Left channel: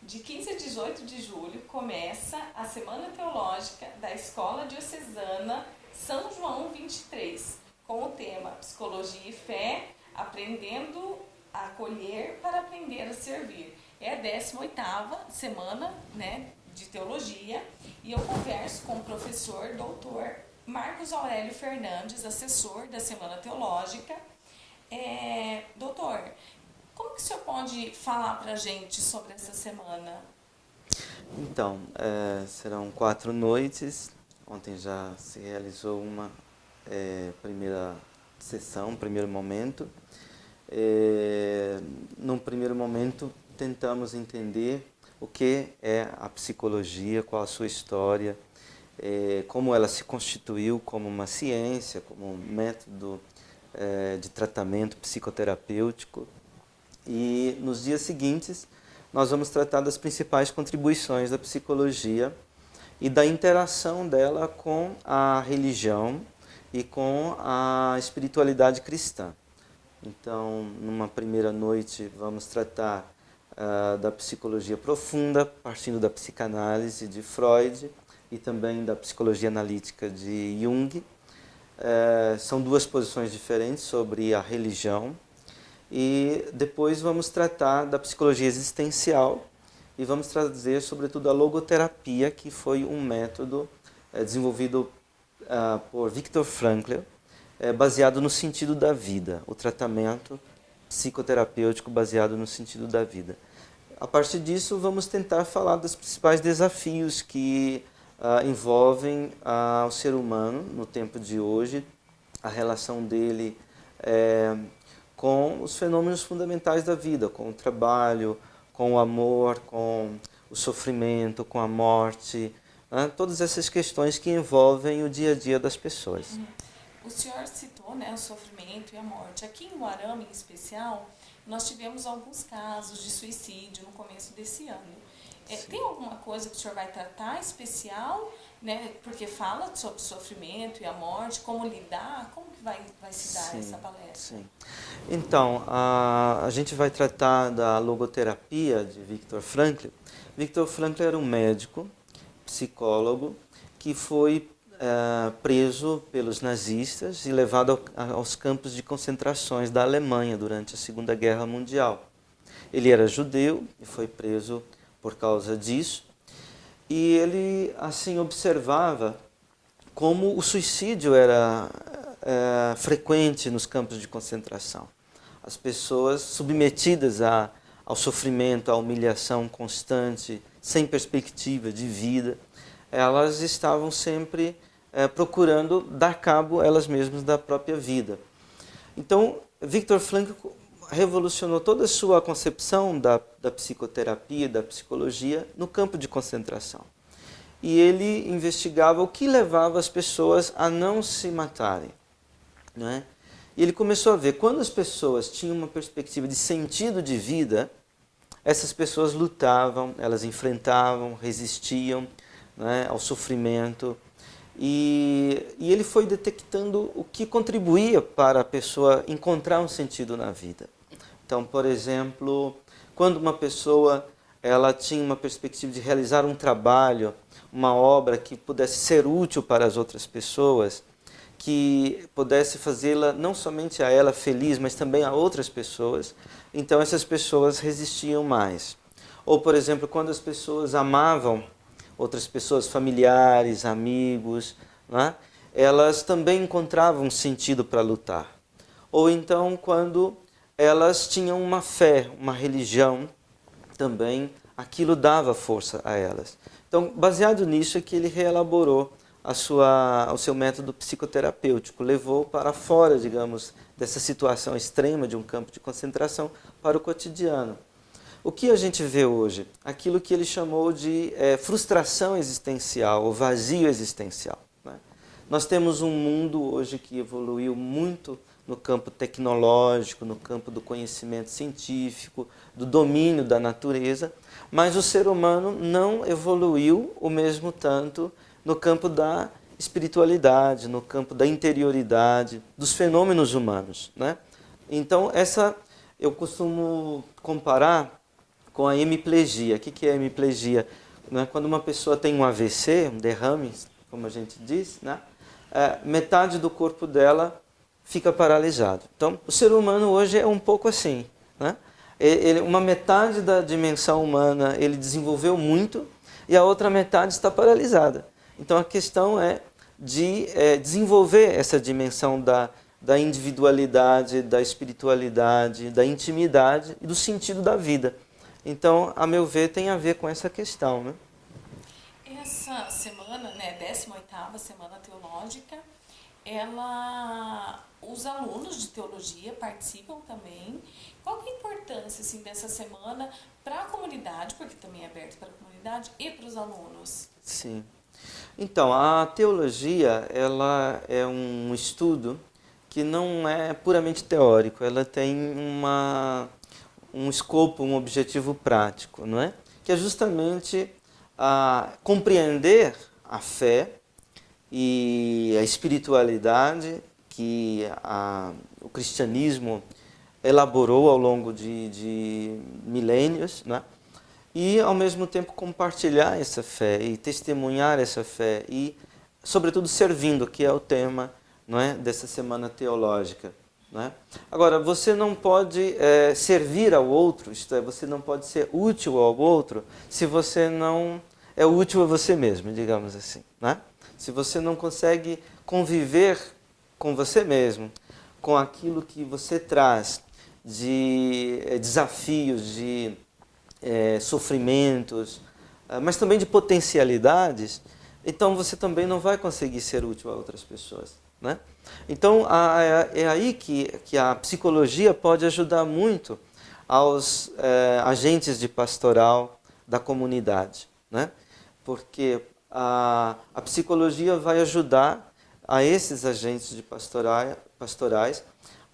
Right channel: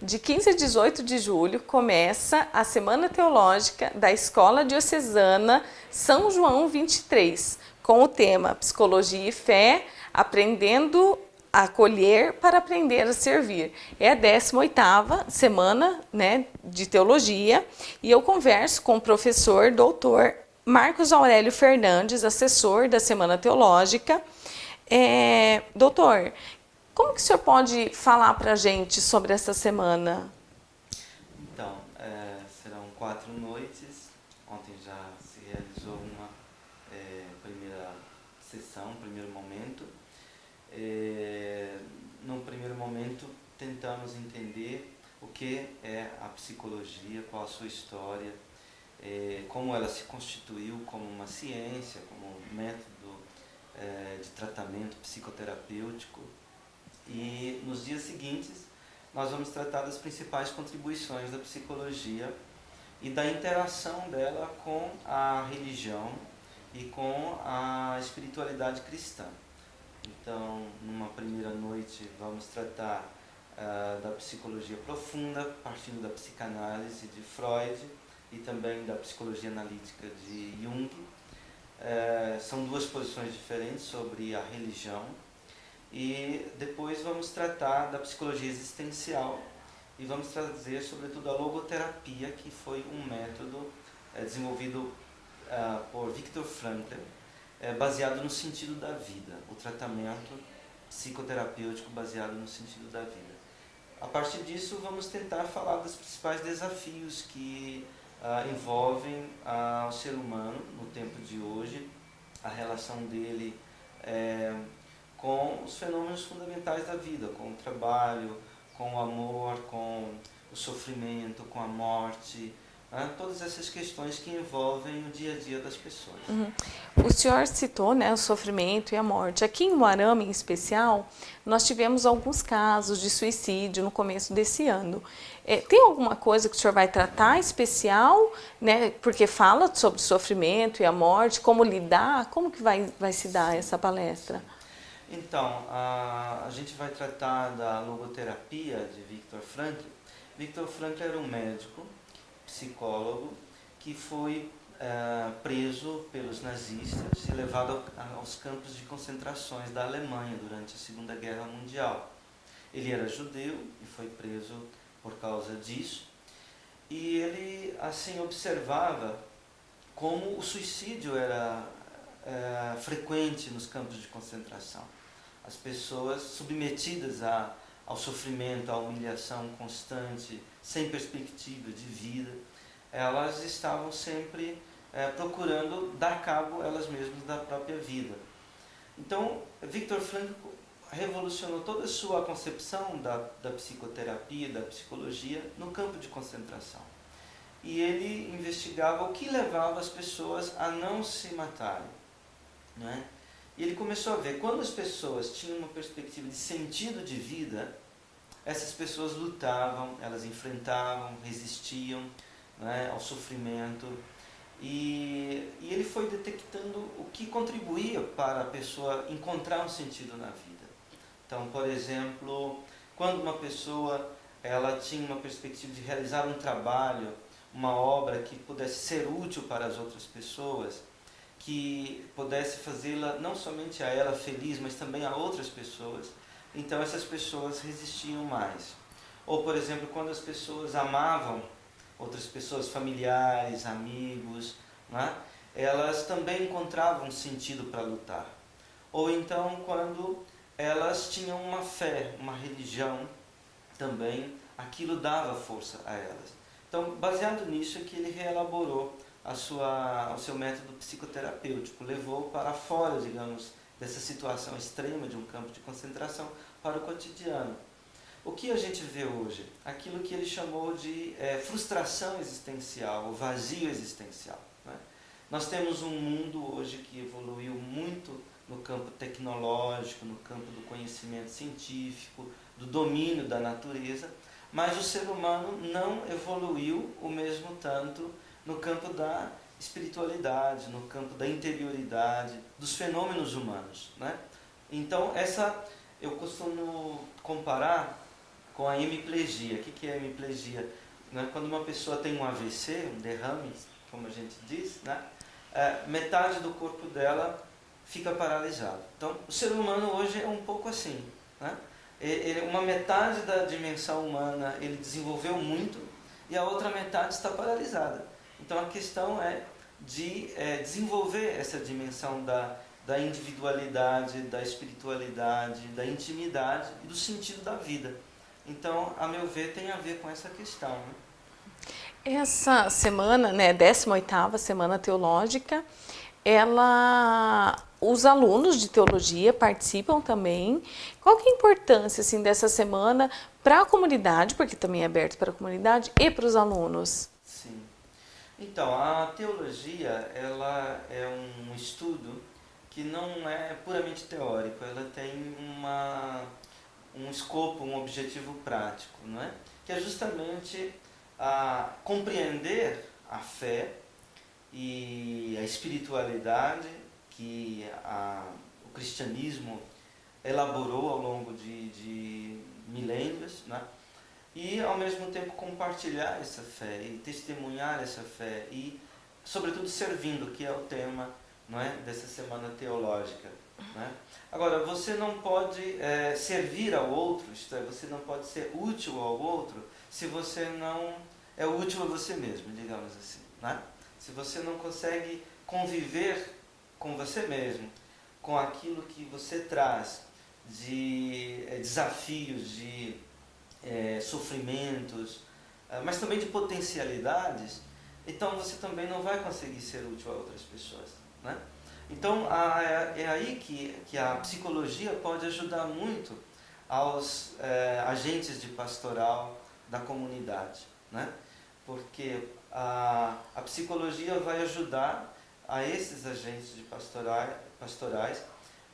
De 15 a 18 de julho começa a Semana Teológica da Escola Diocesana São João 23, com o tema Psicologia e Fé, aprendendo a acolher para aprender a servir. É a 18ª semana, né, de teologia, e eu converso com o professor doutor Marcos Aurélio Fernandes, assessor da Semana Teológica. Doutor, como que o senhor pode falar para a gente sobre essa semana? Então, serão 4 noites. Ontem já se realizou uma primeira sessão, um primeiro momento. Num primeiro momento, tentamos entender o que é a psicologia, qual a sua história, como ela se constituiu como uma ciência, como um método de tratamento psicoterapêutico. E nos dias seguintes, nós vamos tratar das principais contribuições da psicologia e da interação dela com a religião e com a espiritualidade cristã. Então, numa primeira noite, vamos tratar da psicologia profunda, partindo da psicanálise de Freud e também da psicologia analítica de Jung. São duas posições diferentes sobre a religião. E depois vamos tratar da psicologia existencial e vamos trazer, sobretudo, a logoterapia, que foi um método desenvolvido por Viktor Frankl, baseado no sentido da vida, o tratamento psicoterapêutico baseado no sentido da vida. A partir disso, vamos tentar falar dos principais desafios que envolvem o ser humano no tempo de hoje, a relação dele com os fenômenos fundamentais da vida, com o trabalho, com o amor, com o sofrimento, com a morte, né? Todas essas questões que envolvem o dia a dia das pessoas. O senhor citou, né, o sofrimento e a morte. Aqui em Umuarama, em especial, nós tivemos alguns casos de suicídio no começo desse ano. Tem alguma coisa que o senhor vai tratar especial, né, porque fala sobre o sofrimento e a morte, como lidar, como que vai se dar essa palestra? Sim. Então, a gente vai tratar da logoterapia de Viktor Frankl. Viktor Frankl era um médico, psicólogo, que foi preso pelos nazistas e levado aos campos de concentrações da Alemanha durante a Segunda Guerra Mundial. Ele era judeu e foi preso por causa disso. E ele, assim, observava como o suicídio era frequente nos campos de concentração. As pessoas submetidas ao sofrimento, à humilhação constante, sem perspectiva de vida, elas estavam sempre procurando dar cabo elas mesmas da própria vida. Então, Viktor Frankl revolucionou toda a sua concepção da psicoterapia, da psicologia, no campo de concentração. E ele investigava o que levava as pessoas a não se matarem, né? E ele começou a ver, quando as pessoas tinham uma perspectiva de sentido de vida, essas pessoas lutavam, elas enfrentavam, resistiam, né, ao sofrimento. E ele foi detectando o que contribuía para a pessoa encontrar um sentido na vida. Então, por exemplo, quando uma pessoa ela tinha uma perspectiva de realizar um trabalho, uma obra que pudesse ser útil para as outras pessoas, que pudesse fazê-la não somente a ela feliz, mas também a outras pessoas, então essas pessoas resistiam mais. Ou, por exemplo, quando as pessoas amavam outras pessoas, familiares, amigos, né? Elas também encontravam um sentido para lutar. Ou então, quando elas tinham uma fé, uma religião, também aquilo dava força a elas. Então, baseado nisso é que ele reelaborou o seu método psicoterapêutico, levou para fora, digamos, dessa situação extrema de um campo de concentração para o cotidiano. O que a gente vê hoje? Aquilo que ele chamou de frustração existencial, ou vazio existencial, né? Nós temos um mundo hoje que evoluiu muito no campo tecnológico, no campo do conhecimento científico, do domínio da natureza, mas o ser humano não evoluiu o mesmo tanto no campo da espiritualidade, no campo da interioridade, dos fenômenos humanos, né? Então, eu costumo comparar com a hemiplegia. O que é a hemiplegia? Não é quando uma pessoa tem um AVC, um derrame, como a gente diz, né? Metade do corpo dela fica paralisado. Então, o ser humano hoje é um pouco assim, né? Uma metade da dimensão humana ele desenvolveu muito e a outra metade está paralisada. Então, a questão é de desenvolver essa dimensão da individualidade, da espiritualidade, da intimidade e do sentido da vida. Então, a meu ver, tem a ver com essa questão, né? Essa semana, né, 18ª Semana Teológica, os alunos de teologia participam também. Qual que é a importância assim, dessa semana para a comunidade, porque também é aberto para a comunidade, e para os alunos? Sim. Então, a teologia, ela é um estudo que não é puramente teórico, ela tem um escopo, um objetivo prático, não é? Que é justamente compreender a fé e a espiritualidade que o cristianismo elaborou ao longo de milênios, né? E, ao mesmo tempo, compartilhar essa fé e testemunhar essa fé e, sobretudo, servindo, que é o tema, não é, dessa semana teológica. Não é? Agora, você não pode servir ao outro, isto é, você não pode ser útil ao outro se você não é útil a você mesmo, digamos assim. Não é? Se você não consegue conviver com você mesmo, com aquilo que você traz de desafios, de sofrimentos, mas também de potencialidades, então você também não vai conseguir ser útil a outras pessoas. Né? Então, é aí que a psicologia pode ajudar muito aos agentes de pastoral da comunidade. Né? Porque a psicologia vai ajudar a esses agentes de pastorais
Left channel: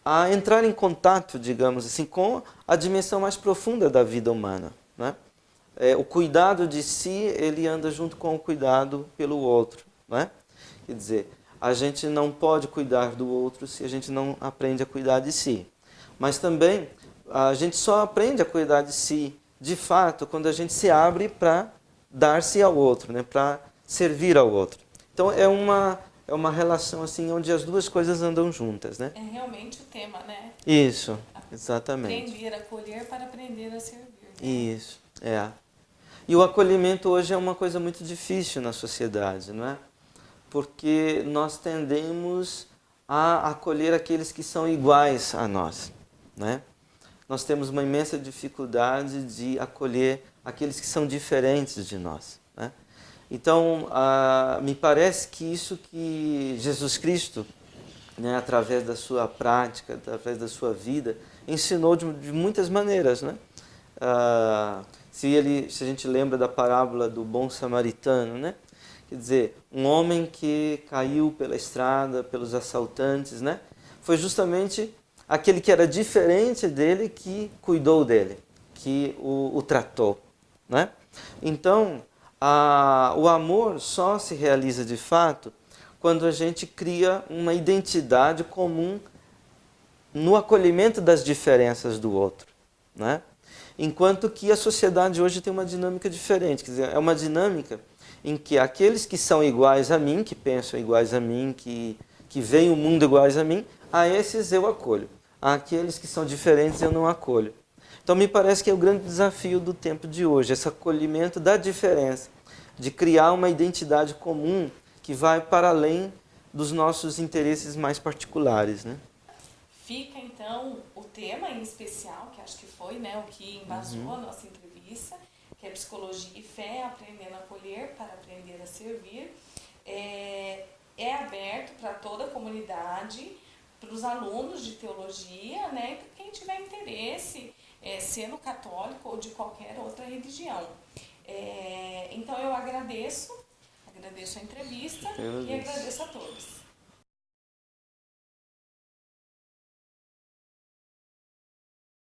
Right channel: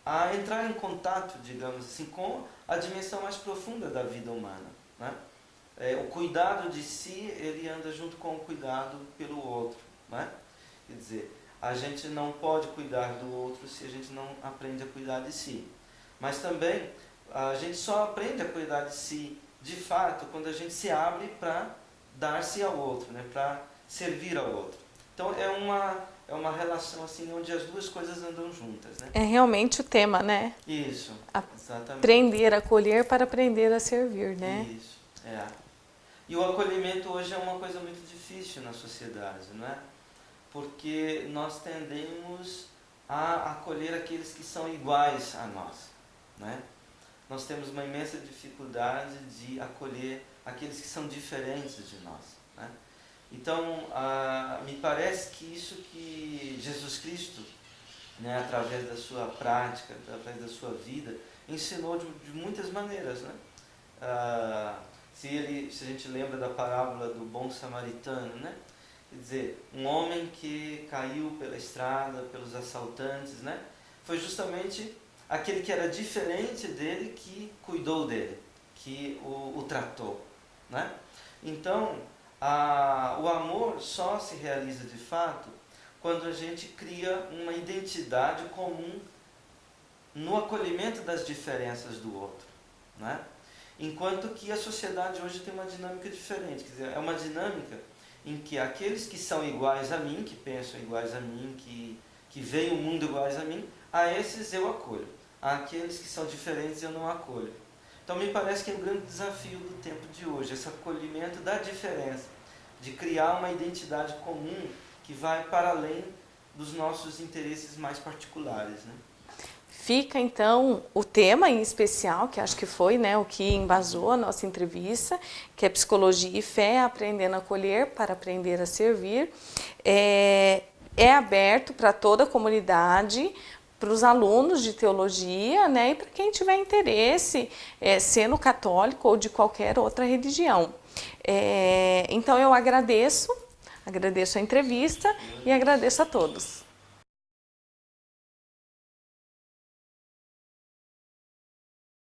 a entrar em contato, digamos assim, com a dimensão mais profunda da vida humana. Né? O cuidado de si, ele anda junto com o cuidado pelo outro. Né? Quer dizer, a gente não pode cuidar do outro se a gente não aprende a cuidar de si. Mas também, a gente só aprende a cuidar de si, de fato, quando a gente se abre para dar-se ao outro, né? Para servir ao outro. Então, é uma relação assim onde as duas coisas andam juntas, né? É realmente o tema, né? Isso, exatamente. Aprender a acolher para aprender a servir, né? Isso, é. E o acolhimento hoje é uma coisa muito difícil na sociedade, não é? Porque nós tendemos a acolher aqueles que são iguais a nós, né? Nós temos uma imensa dificuldade de acolher aqueles que são diferentes de nós, né? Então, me parece que isso que Jesus Cristo, né, através da sua prática, através da sua vida, ensinou de muitas maneiras, né? Se a gente lembra da parábola do bom samaritano, né? Quer dizer, um homem que caiu pela estrada, pelos assaltantes, né? Foi justamente aquele que era diferente dele que cuidou dele, que o tratou, né? Então, o amor só se realiza de fato quando a gente cria uma identidade comum no acolhimento das diferenças do outro, né? Enquanto que a sociedade hoje tem uma dinâmica diferente, quer dizer, é uma dinâmica em que aqueles que são iguais a mim, que pensam iguais a mim, que veem o mundo iguais a mim, a esses eu acolho. Aqueles que são diferentes eu não acolho. Então me parece que é o grande desafio do tempo de hoje, esse acolhimento da diferença, de criar uma identidade comum que vai para além dos nossos interesses mais particulares, né? Fica, então, o tema em especial, que acho que foi, né, o que embasou a nossa entrevista, que é Psicologia e Fé, aprendendo a acolher para aprender a servir. É aberto para toda a comunidade, para os alunos de teologia, né, e para quem tiver interesse, sendo católico ou de qualquer outra religião. Então, eu agradeço a entrevista e agradeço a todos.